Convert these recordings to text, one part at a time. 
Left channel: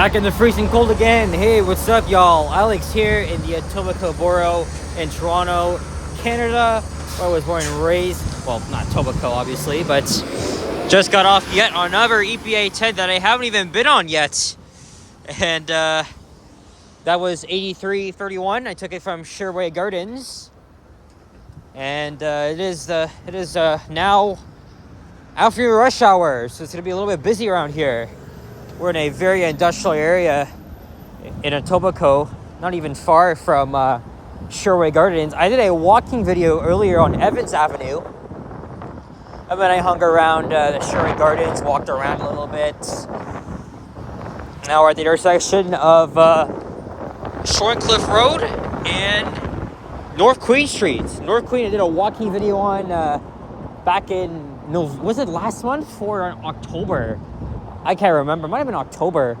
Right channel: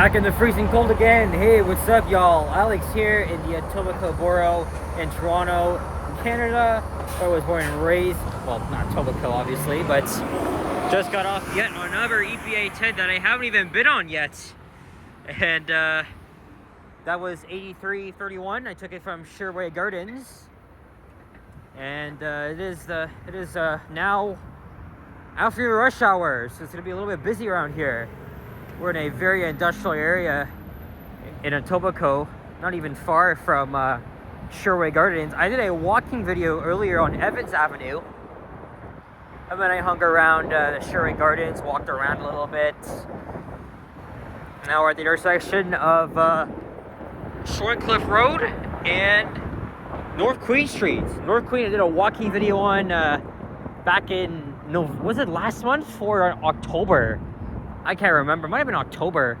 Back in the freezing cold again. Hey, what's up, y'all? Alex here in the Etobicoke borough in Toronto, Canada, where I was born and raised. Well, not Etobicoke, obviously, but just got off yet another EPA 10 that I haven't even been on yet. And that was 8331. I took it from Sherway Gardens. And it is now after rush hour, so it's going to be a little bit busy around here. We're in a very industrial area in Etobicoke, not even far from Sherway Gardens. I did a walking video earlier on Evans Avenue. And then I hung around the Sherway Gardens, walked around a little bit. Now we're at the intersection of Shorncliffe Road and North Queen Street. North Queen, I did a walking video on back in, was it last month or October? I can't remember. It might have been October.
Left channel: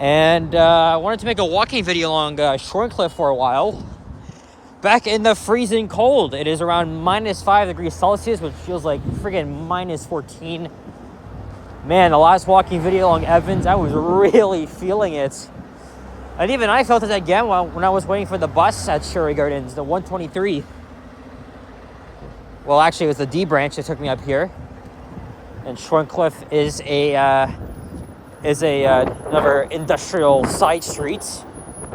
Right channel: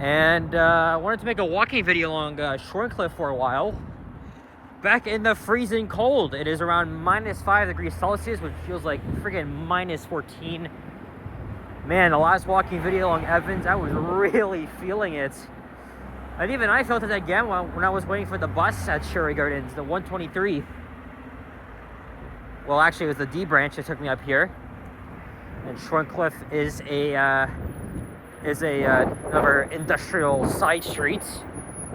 And I wanted to make a walking video along Shorncliffe for a while. Back in the freezing cold. It is around minus 5 degrees Celsius, which feels like friggin' minus 14. Man, the last walking video along Evans, I was really feeling it. And even I felt it again when I was waiting for the bus at Sherway Gardens, the 123. Well, actually, it was the D branch that took me up here. And Shorncliffe is another industrial side street,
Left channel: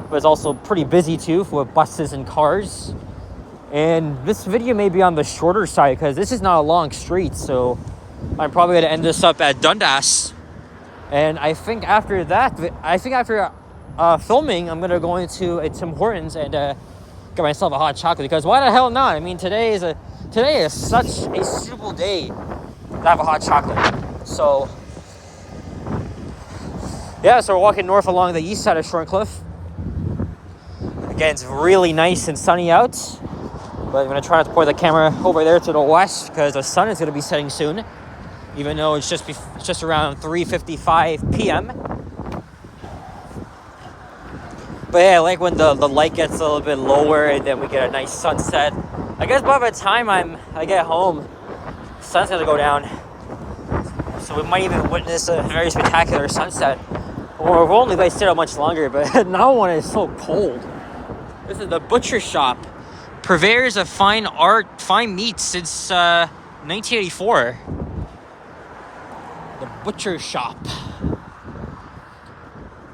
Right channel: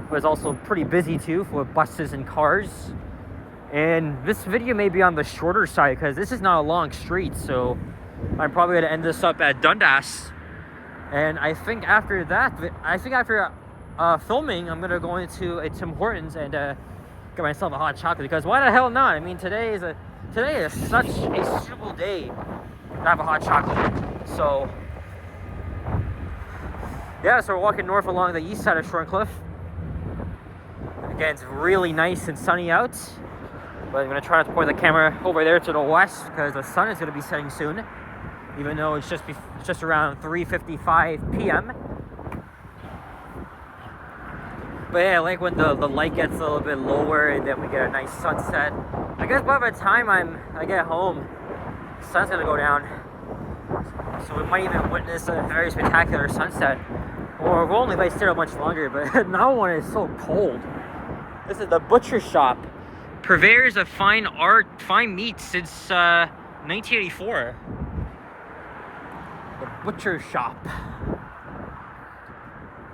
but it's also pretty busy too with buses and cars. And this video may be on the shorter side because this is not a long street, so I'm probably going to end this up at Dundas. And I think after filming, I'm going to go into a Tim Hortons and get myself a hot chocolate, because why the hell not? I mean, today is such a suitable day to have a hot chocolate. So yeah, so we're walking north along the east side of Shorncliffe. Again, it's really nice and sunny out, but I'm going to try not to point the camera over there to the west because the sun is going to be setting soon, even though it's just around 3:55 p.m. But yeah, I like when the light gets a little bit lower and then we get a nice sunset. I guess by the time I get home, the sun's going to go down. So we might even witness a very spectacular sunset. Well, we've only stayed out much longer, but now one is so cold. This is the butcher shop. Purveyors of fine meat since 1984. The butcher shop.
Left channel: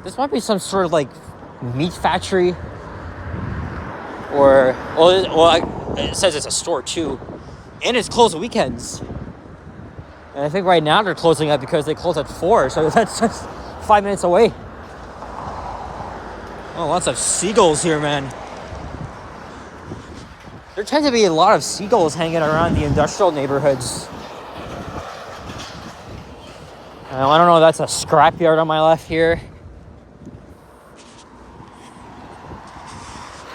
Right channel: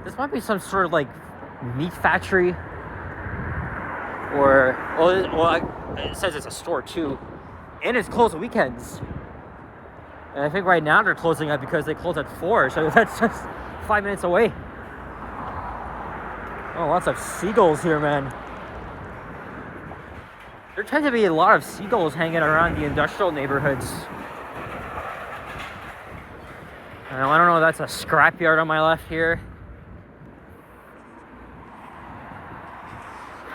This might be some sort of like meat factory. Or, it says it's a store too. And it's closed on weekends. And I think right now they're closing up because they close at 4, so that's just 5 minutes away. Oh, lots of seagulls here, man. There tend to be a lot of seagulls hanging around the industrial neighborhoods. I don't know if that's a scrapyard on my left here.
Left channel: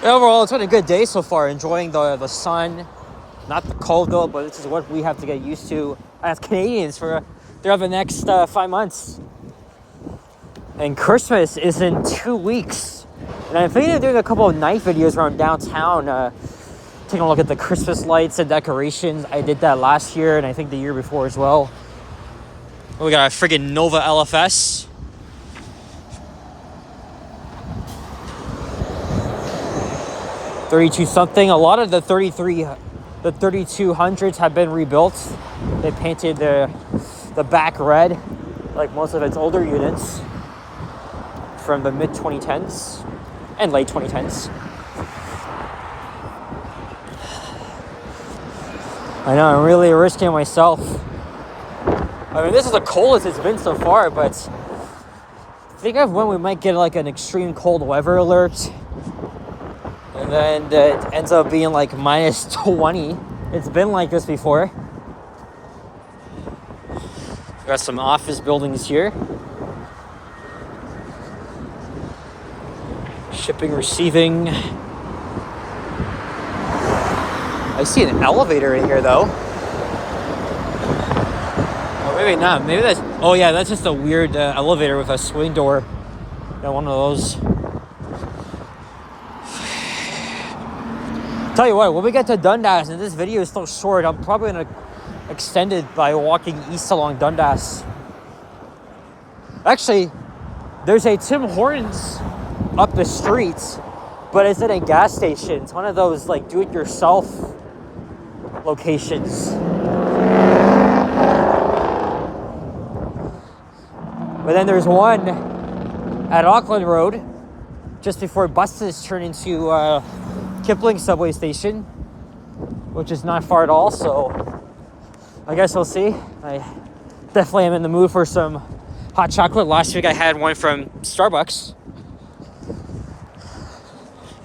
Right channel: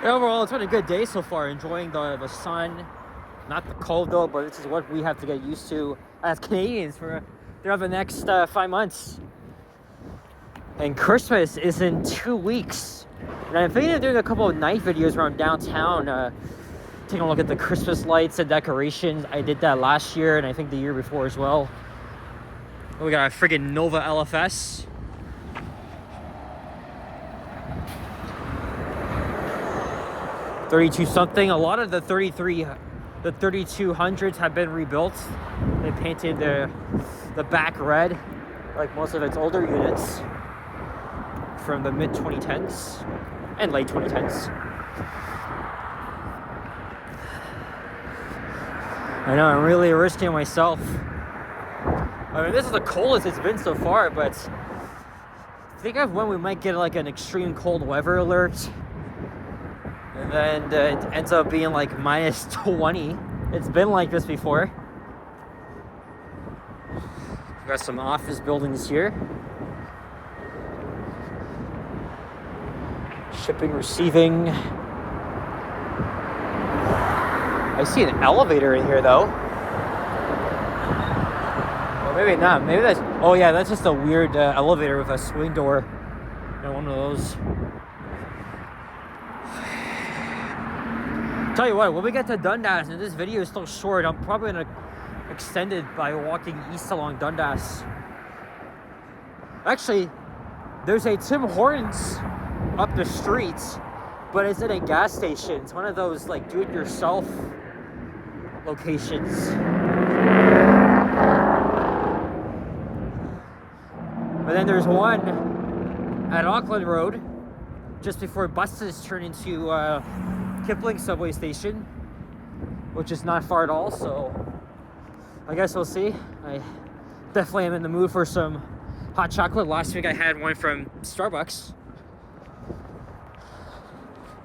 Overall, it's been a good day so far. Enjoying the sun. Not the cold though, but this is what we have to get used to as Canadians throughout the next 5 months. And Christmas is in 2 weeks. And I'm thinking of doing a couple of night videos around downtown, taking a look at the Christmas lights and decorations. I did that last year and I think the year before as well. We got a friggin' Nova LFS. $32 something. A lot of the 3200s have been rebuilt. They painted the back red, like most of its older units from the mid 2010s and late 2010s. I know, I'm really risking myself. I mean, this is the coldest it's been so far, but think of when we might get like an extreme cold weather alert. And then it ends up being like minus 20. It's been like this before. We got some office buildings here. Shipping, receiving. I see an elevator in here though. Or maybe not. Maybe that's... Oh yeah, that's just a weird elevator with a swing door. Not one of those. Tell you what, when we get to Dundas, and this video is still short, I'm probably going to extend it by walking east along Dundas. Actually, There's a Tim Hortons up the street, but it's at a gas station. It's one of those like do-it-yourself locations. But then there's one at Auckland Road, just before buses turn into Kipling subway station, which is not far at all. So I guess we'll see. I definitely am in the mood for some hot chocolate. Last week I had one from Starbucks.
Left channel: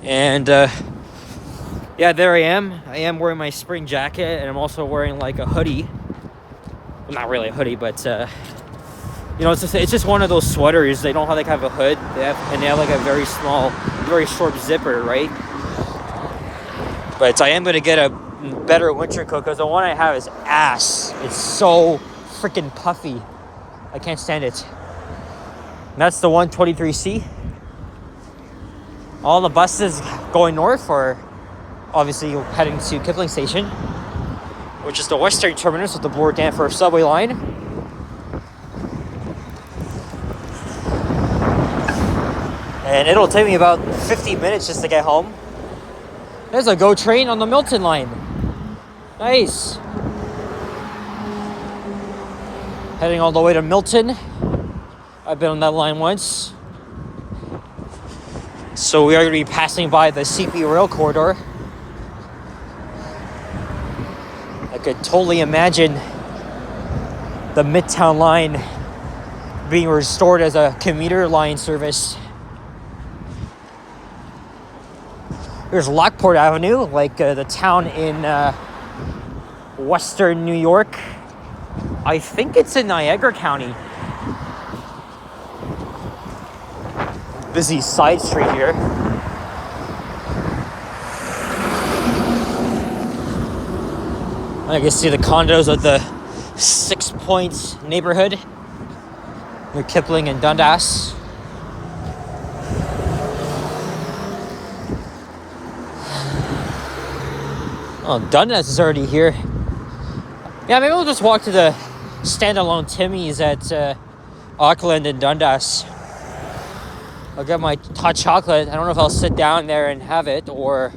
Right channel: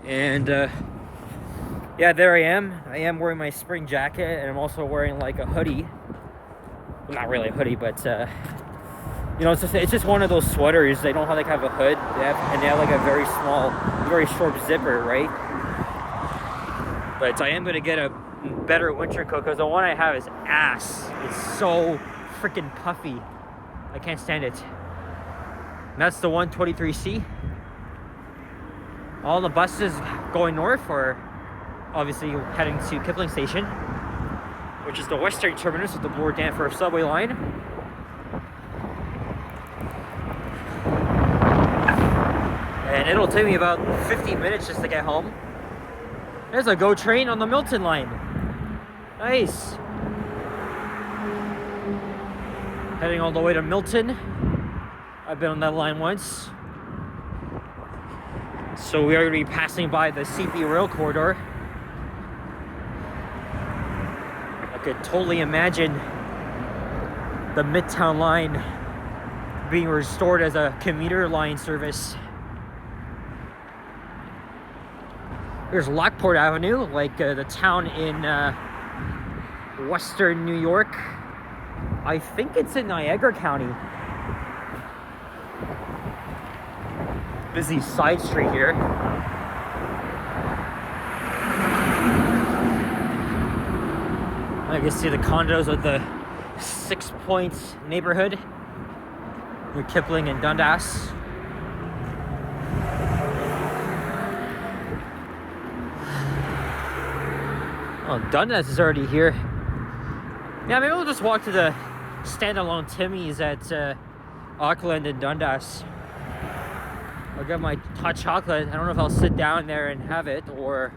And yeah, there I am. I am wearing my spring jacket, and I'm also wearing like a hoodie. Well, not really a hoodie, but you know, it's just one of those sweaters. They don't have a hood. They have like a very small, very short zipper, right? But I am gonna get a better winter coat because the one I have is ass. It's so freaking puffy. I can't stand it. And that's the 123C. All the buses going north are obviously heading to Kipling Station, which is the western terminus of the Bloor Danforth subway line. And it'll take me about 50 minutes just to get home. There's a GO train on the Milton line. Nice. Heading all the way to Milton. I've been on that line once. So we are going to be passing by the CP rail corridor. I could totally imagine the Midtown line being restored as a commuter line service. There's Lockport Avenue, like the town in western New York. I think it's in Niagara County. Busy side street here. I can see the condos of the 6 Points neighborhood near Kipling and Dundas. Oh, Dundas is already here. Yeah, maybe we'll just walk to the standalone Timmy's at Auckland and Dundas. I'll get my hot chocolate. I don't know if I'll sit down there and have it, or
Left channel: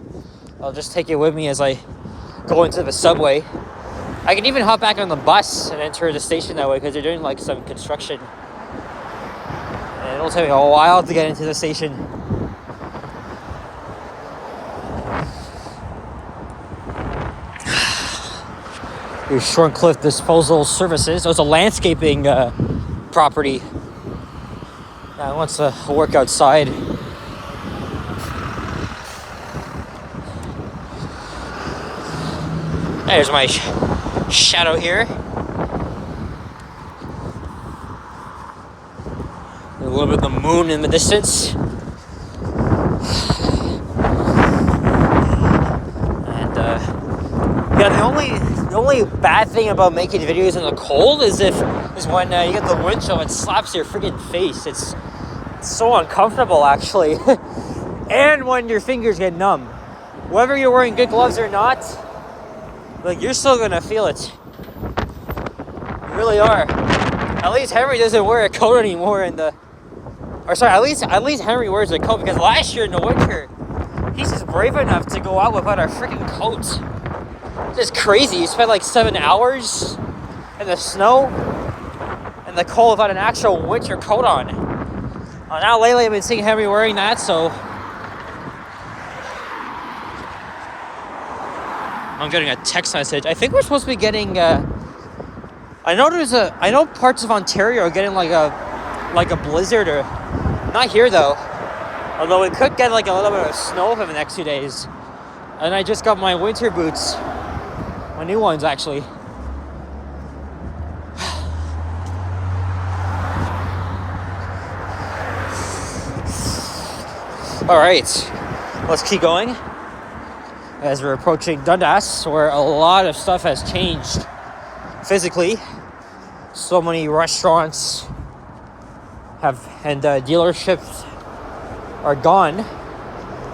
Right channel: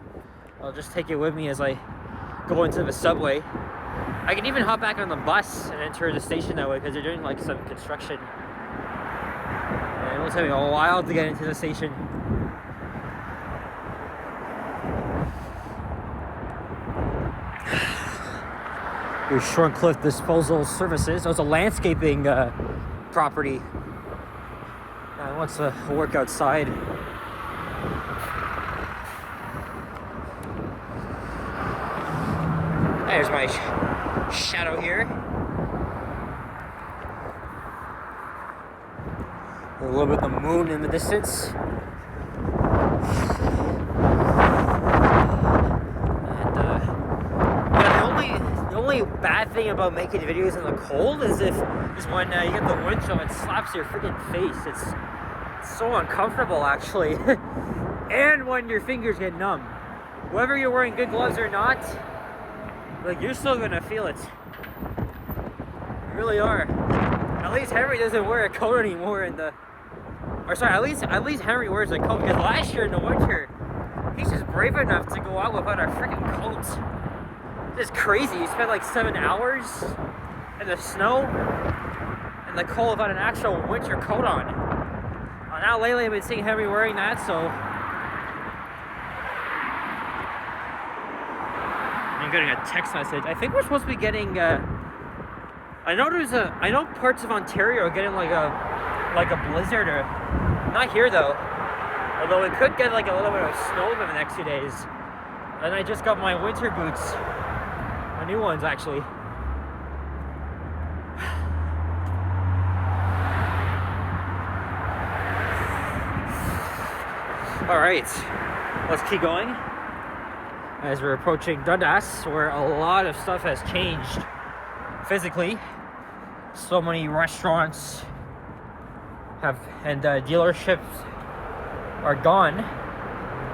I'll just take it with me as I go into the subway. I can even hop back on the bus and enter the station that way because they're doing like some construction. And it'll take me a while to get into the station. Here's Shorncliffe Disposal Services. There's a landscaping property. I want to work outside. There's my shadow here. A little bit of the moon in the distance. And yeah, the only bad thing about making videos in the cold is when you get the wind chill, it slaps your freaking face. It's so uncomfortable, actually. And when your fingers get numb. Whether you're wearing good gloves or not, like, you're still gonna feel it. You really are. At least Henry doesn't wear a coat anymore at least Henry wears a coat, because last year in the winter, he's just brave enough to go out without a freaking coat. Just crazy. He spent like 7 hours in the snow and the cold without an actual winter coat on. Now lately I've been seeing Henry wearing that, so I'm getting a text message. I think we're supposed to be getting I know parts of Ontario are getting like a blizzard, or not here though. Although we could get like a little bit of snow for the next 2 days. And I just got my winter boots. My new ones, actually. All right, let's keep going as we're approaching Dundas, where a lot of stuff has changed physically. So many restaurants and dealerships are gone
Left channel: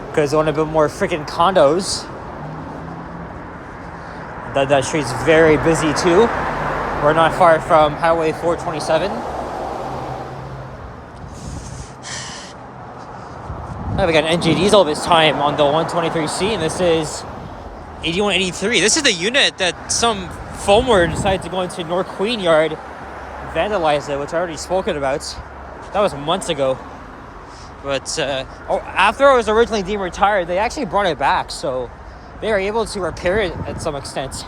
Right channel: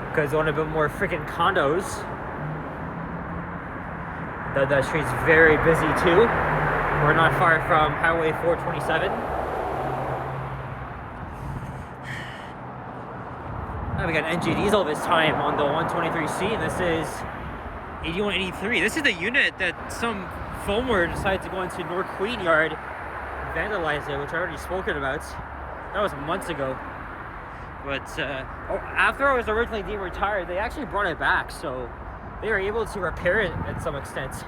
because they want to build more freaking condos. That street's very busy too. We're not far from Highway 427. we got an NG diesel this time on the 123C, and this is 8183. This is the unit that some foamer decided to go into North Queen Yard and vandalize it, which I already spoken about. That was months ago. But after it was originally deemed retired, they actually brought it back, so they were able to repair it at some extent.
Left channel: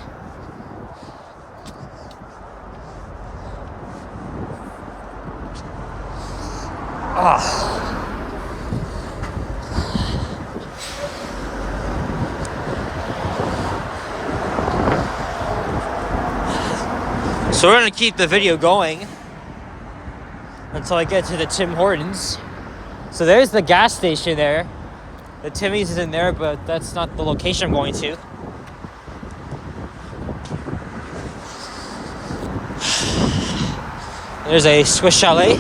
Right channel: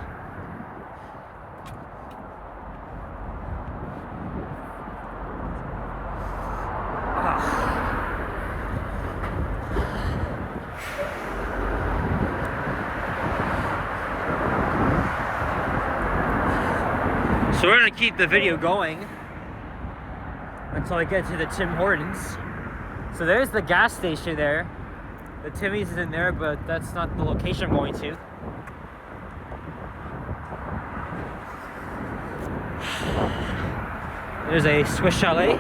So we're going to keep the video going until I get to the Tim Hortons. So there's the gas station there. The Timmy's is in there, but that's not the location I'm going to. There's a Swiss Chalet.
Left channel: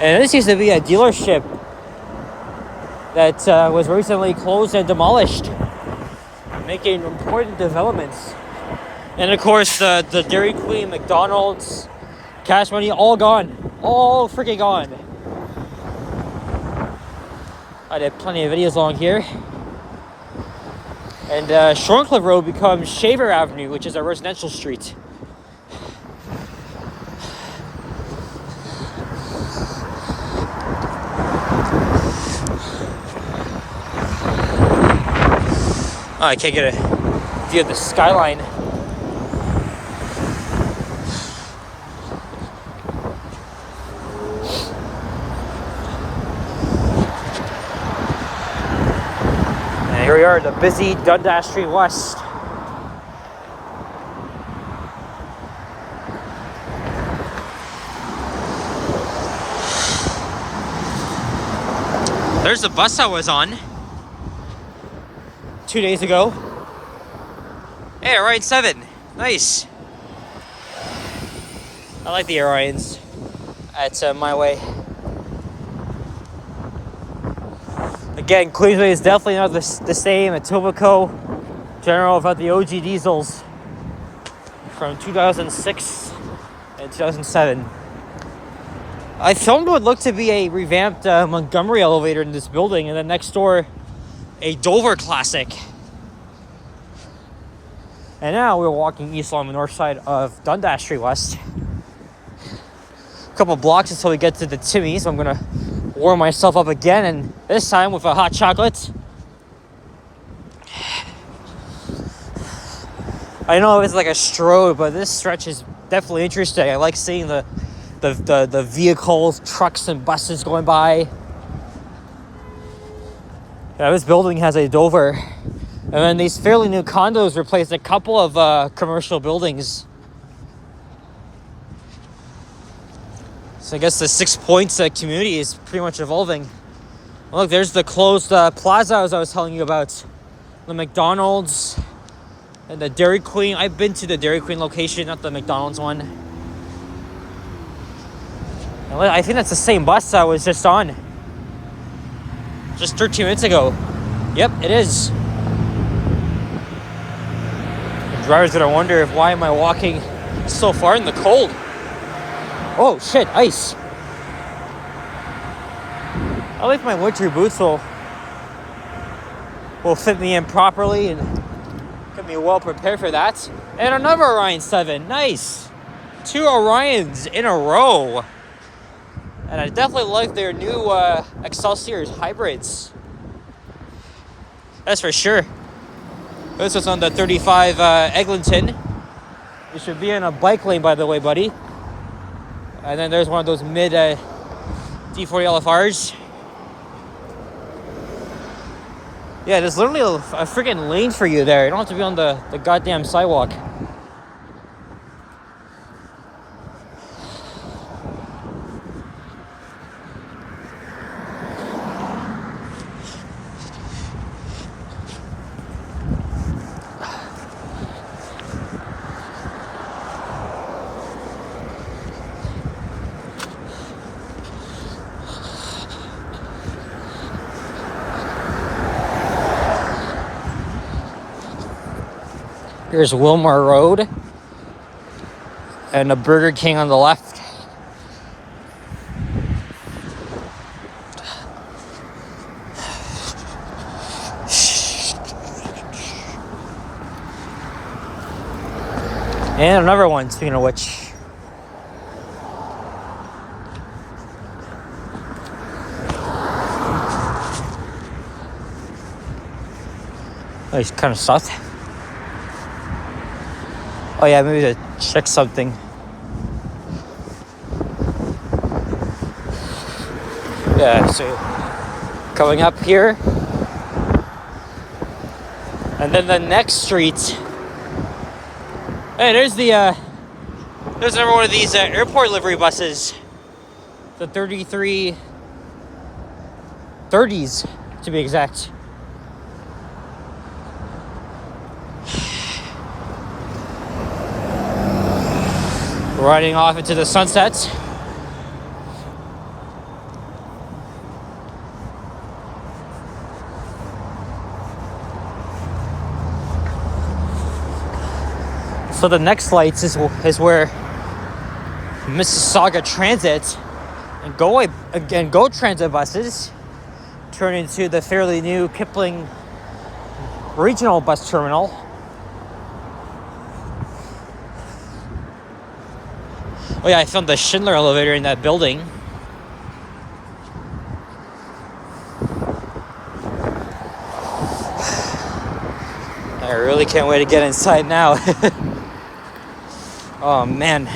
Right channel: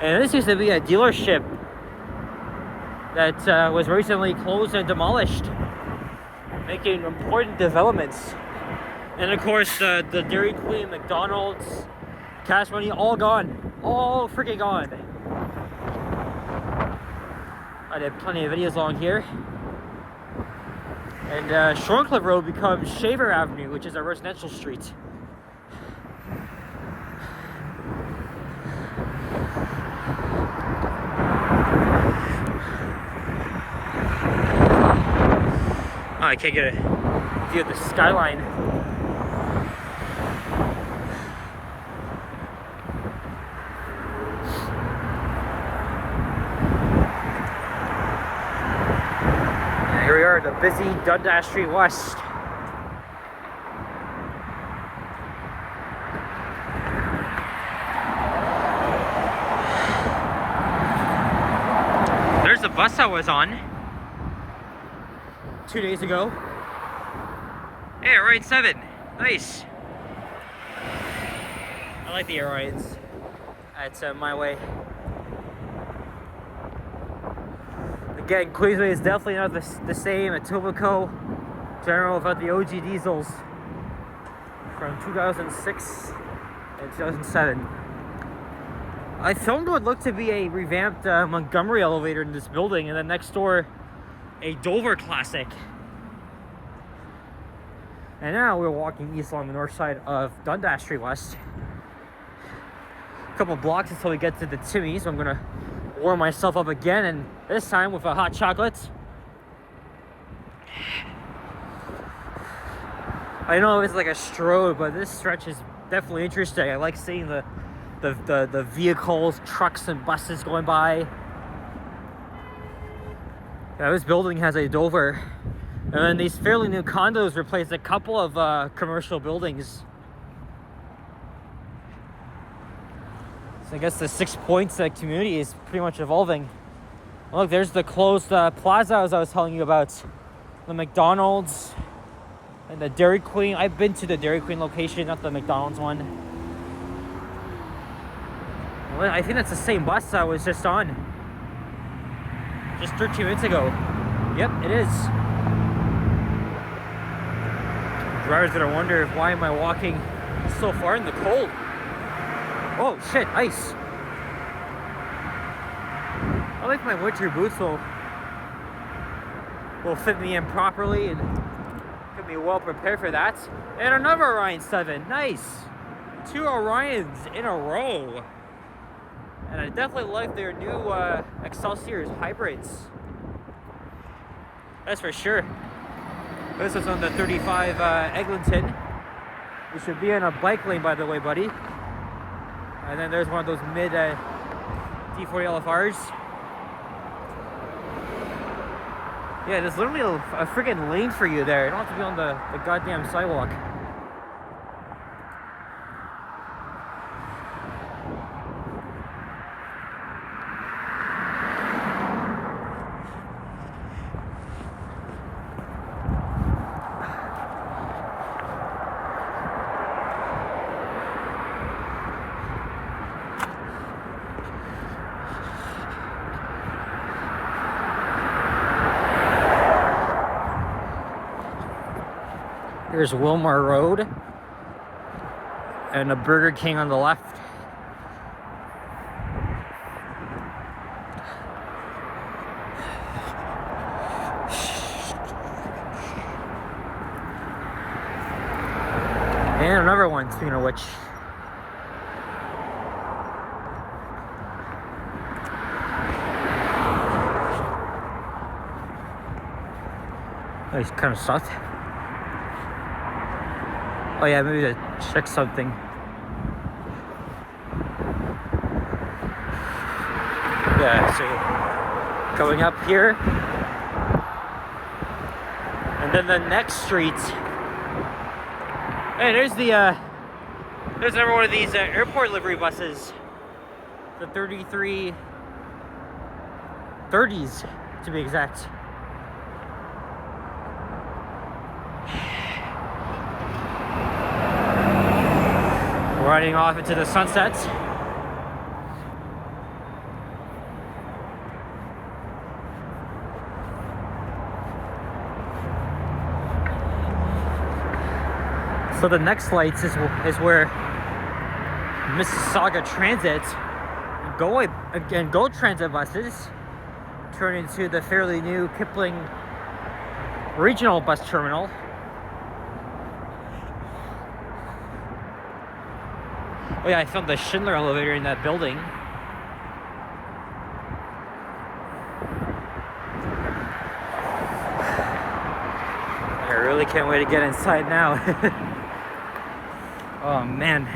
And this used to be a dealership that was recently closed and demolished, making important developments. And of course, the Dairy Queen, McDonald's, Cash Money, all gone. All freaking gone. I did plenty of videos along here. And Shorncliffe Road becomes Shaver Avenue, which is a residential street. Oh, I can't get a view of the skyline. Here we are at the busy Dundas Street West. There's the bus I was on 2 days ago. Hey, Orion 7. Nice. I like the Orions. It's my way. Again, Queensway is definitely not the same. Etobicoke, general about the OG diesels from 2006 and 2007. I filmed what looked to be a revamped Montgomery elevator in this building, and then next door, a Dover Classic. And now we're walking east along the north side of Dundas Street West. A couple blocks until we get to the Timmy's. I'm gonna warm myself up again, and this time with a hot chocolate. I know it's like a stroll, but this stretch is definitely interesting. I like seeing the vehicles, trucks, and buses going by. Yeah, this building has a Dover, and then these fairly new condos replaced a couple of commercial buildings. So I guess the 6 Points community is pretty much evolving. Look, there's the closed plaza as I was telling you about. The McDonald's and the Dairy Queen. I've been to the Dairy Queen location, not the McDonald's one. I think that's the same bus I was just on. Just 13 minutes ago. Yep, it is. The driver's gonna wonder why am I walking so far in the cold. Oh shit, ice. I think my winter boots will fit me in properly and get me well prepared for that. And another Orion 7, nice. 2 Orions in a row. And I definitely like their new Excelsior hybrids. That's for sure. This is on the 35 Eglinton. You should be in a bike lane, by the way, buddy. And then there's one of those mid D40 LFRs. Yeah, there's literally a freaking lane for you there. You don't have to be on the goddamn sidewalk. Here's Wilmar Road and a Burger King on the left. And another one, speaking of which. It's kind of soft. Oh yeah, maybe to check something. Yeah, so going up here. And then the next street. Hey, there's another one of these airport livery buses. The 3330s, to be exact. Riding off into the sunset. So the next lights is where Mississauga Transit and Go Transit buses turn into the fairly new Kipling Regional Bus Terminal. Oh yeah, I found the Schindler elevator in that building. I really can't wait to get inside now. Oh man.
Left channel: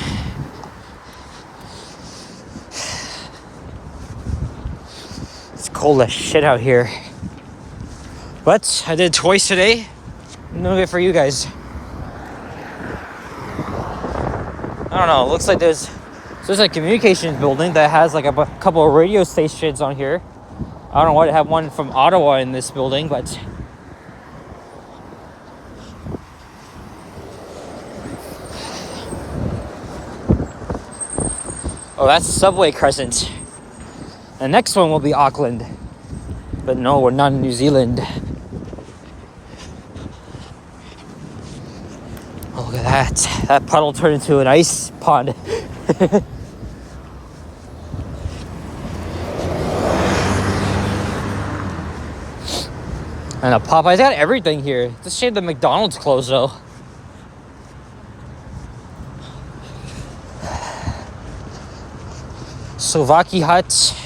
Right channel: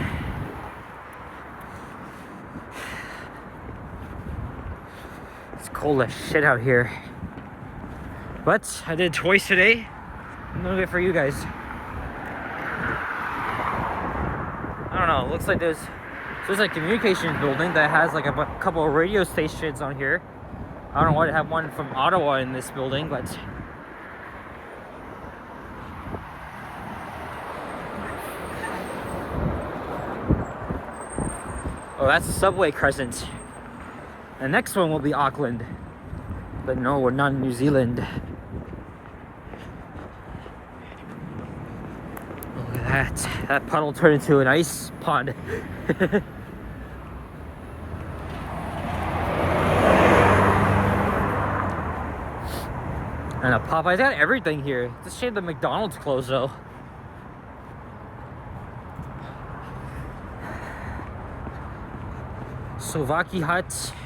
It's cold as shit out here. But I did it twice today. I'm doing it for you guys. I don't know, it looks like there's a communications building that has like a couple of radio stations on here. I don't know why they have one from Ottawa in this building, but oh, that's Subway Crescent. The next one will be Auckland. But no, we're not in New Zealand. Oh, look at that. That puddle turned into an ice pond. And a Popeyes got everything here. It's a shame the McDonald's closed though. Sovaki Hut.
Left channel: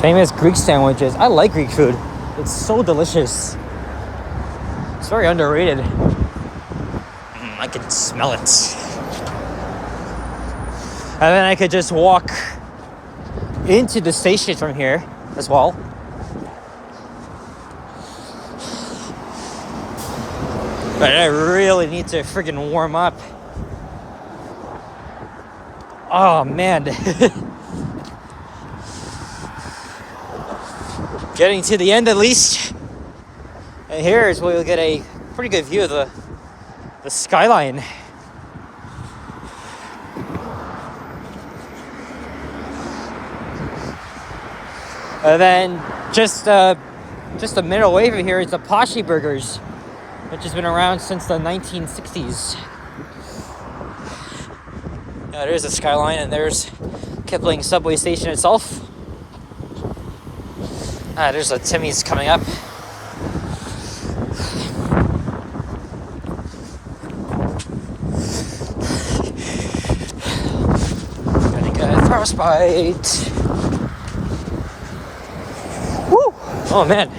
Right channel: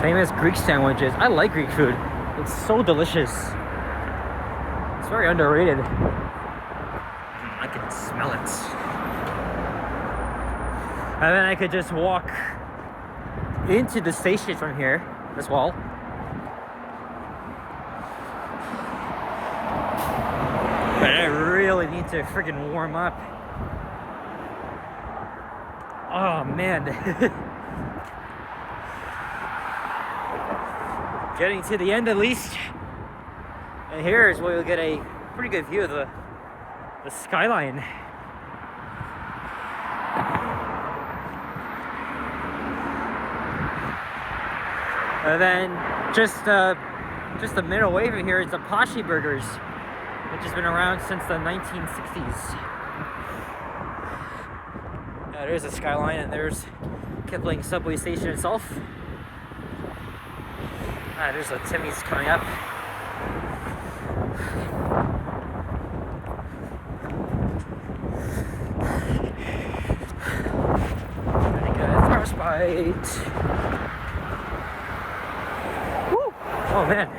Famous Greek sandwiches. I like Greek food. It's so delicious. It's very underrated. I can smell it. And then I could just walk into the station from here as well. But I really need to freaking warm up. Oh man. Getting to the end at least. And here is where you'll get a pretty good view of the skyline. And then just a minute away from here is the Poshy Burgers, which has been around since the 1960s. Yeah, there's the skyline, and there's Kipling subway station itself. There's a Timmy's coming up. Gonna get a frostbite. Woo! Oh man.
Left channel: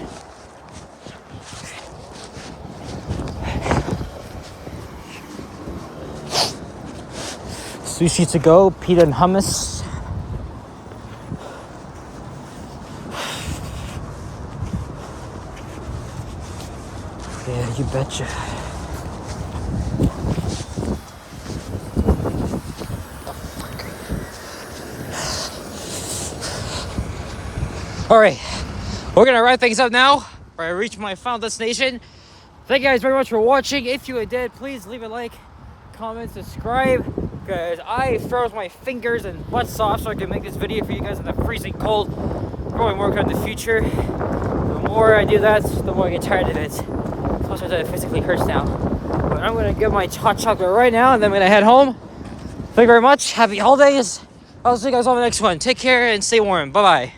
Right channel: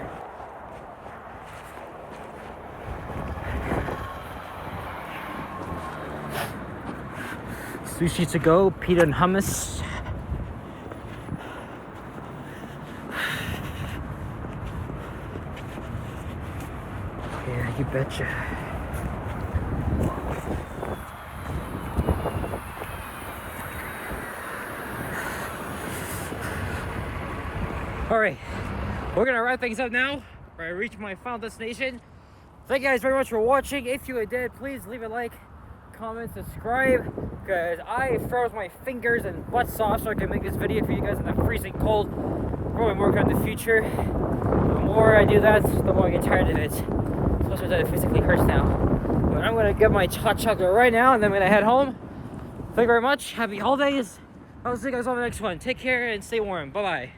Sushi to go, pita and hummus. Yeah, you betcha. All right, we're gonna wrap things up now. I reached my final destination. Thank you guys very much for watching. If you did, please leave a like, comment, subscribe, because I froze my fingers and butts off so I can make this video for you guys in the freezing cold. growing more in the future. The more I do that, the more I get tired of it. Plus, it physically hurts now. But I'm gonna get my hot chocolate right now, and then I'm gonna head home. Thank you very much. Happy holidays. I'll see you guys on the next one. Take care and stay warm. Bye bye.